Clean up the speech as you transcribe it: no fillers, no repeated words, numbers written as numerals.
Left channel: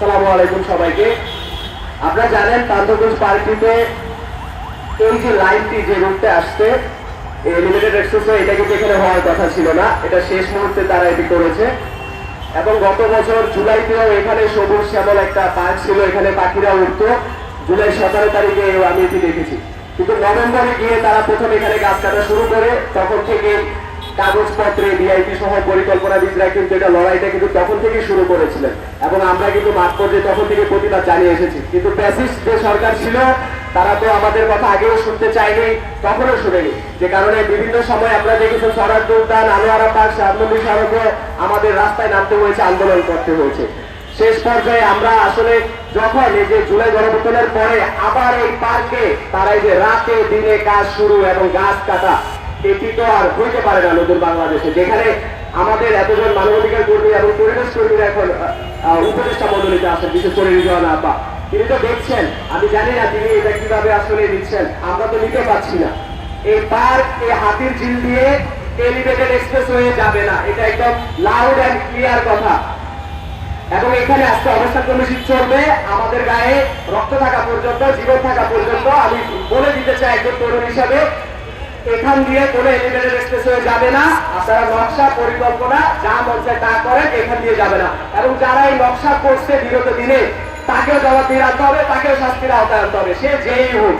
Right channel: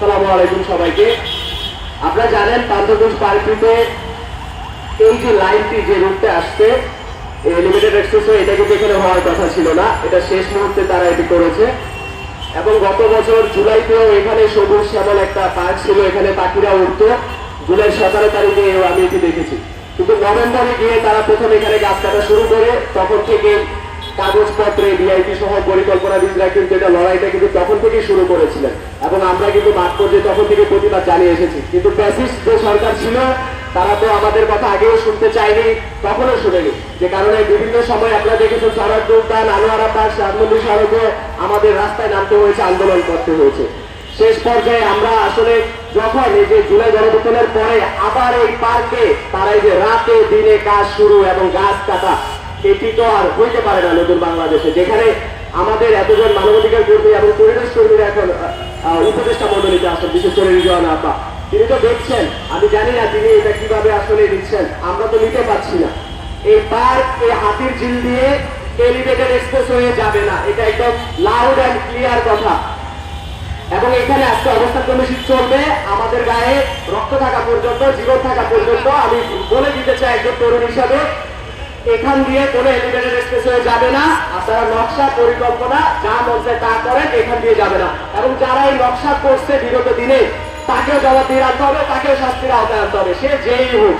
আসসালামু আলাইকুম সবাইকে। আপনারা জানেন পান্থপথ পার্কটিতে এই যে লাইনটি যে রুটে আসছে লিমিটেড এক্সপ্রেসওয়ে, এটা কিন্তু এখানে হওয়ার কথা ছিল না, এটা শেষ মুহূর্তে তারা এটি করেছে। এবং গত বছর জুলাইতেও এখানে সবুজ শ্যামল একটা পার্ক ছিল, এখানে পাখিরা উঠতো। জুলাই 17 তারিখে আমি এটি দেখেছি, কিন্তু নভেম্বরে গিয়ে তারা প্রথম এখানে গাছ কাটা শুরু করে। তখন থেকে কাগজপত্রে ডিআইপি সহ পরিকল্পনাবিদরা কিন্তু এটা লড়াইটা কিন্তু তখন থেকেই শুরু করেছিলেন, এবং আমরা কিন্তু মাঠ পর্যায়ে তখন থেকে প্রতিবাদ জানিয়ে এসেছি। কিন্তু প্যাসিস্ট যে সরকার ছিল তারা তো আমাদের কথা আগেও শুনতে চায়নি, তখনও শুনেনি। যে কারণে বিভিন্ন সময় আপনারা দেখেছেন সরারপুর উদ্যান, আনোয়ারা পার্ক, শাহমন্দি সড়কে আমাদের রাস্তায় নামতে হয়েছে, আন্দোলন করতে হয়েছে। শেষ পর্যায়ে আমরা আসলে যখন এই যে জুলাই গণঅভ্যুত্থানের পরে আবার এই পার্কে তারা এই যে রাতে দিনে কাজ শুরু এবং গাছ কাটা, এটি তো আর হইতে পারে না নতুন বাংলাদেশে, যেখানে আমাদের এতজন মানবাধিকার কর্মী এবং পরিবেশ কর্মীরা এখন উপদেষ্টা মন্ডলীতে আসেন, বিশেষ করে রিজওয়ানা আপা। তিনি তো দেখছেন, আমি জানি না তিনি এটা কিভাবে আসলে নিচ্ছেন, আমরা তো নিতে পারছি না। এই পার্ক এই হাতির ঝিল দিয়ে এলিভেটেড এক্সপ্রেসওয়ে যাবে না, এটা একদম লাউড অ্যান্ড ক্লিয়ার কথা। এবং এখানে আজকে অবস্থান কর্মসূচি চলবে আমাদের গায়ে রক্ত থাকা পর্যন্ত, জীবন থাকা পর্যন্ত। আমি বলে দিতে চাই একজন তরুণ হিসাবে, এখান দিয়ে কোনো এলিভেটেড এক্সপ্রেসওয়ে যাবে না। আপনারা নকশা পরিকল্পনা যা মধ্যে তা করেন, এখান দিয়ে যাবে না। এবং যারা এই নকশা করছে বিগত দিনে, তাকেও জবাবদিহি আনতে হবে, তাকেও শাস্তির আওতায় আনতে হবে, সে যেই হোক।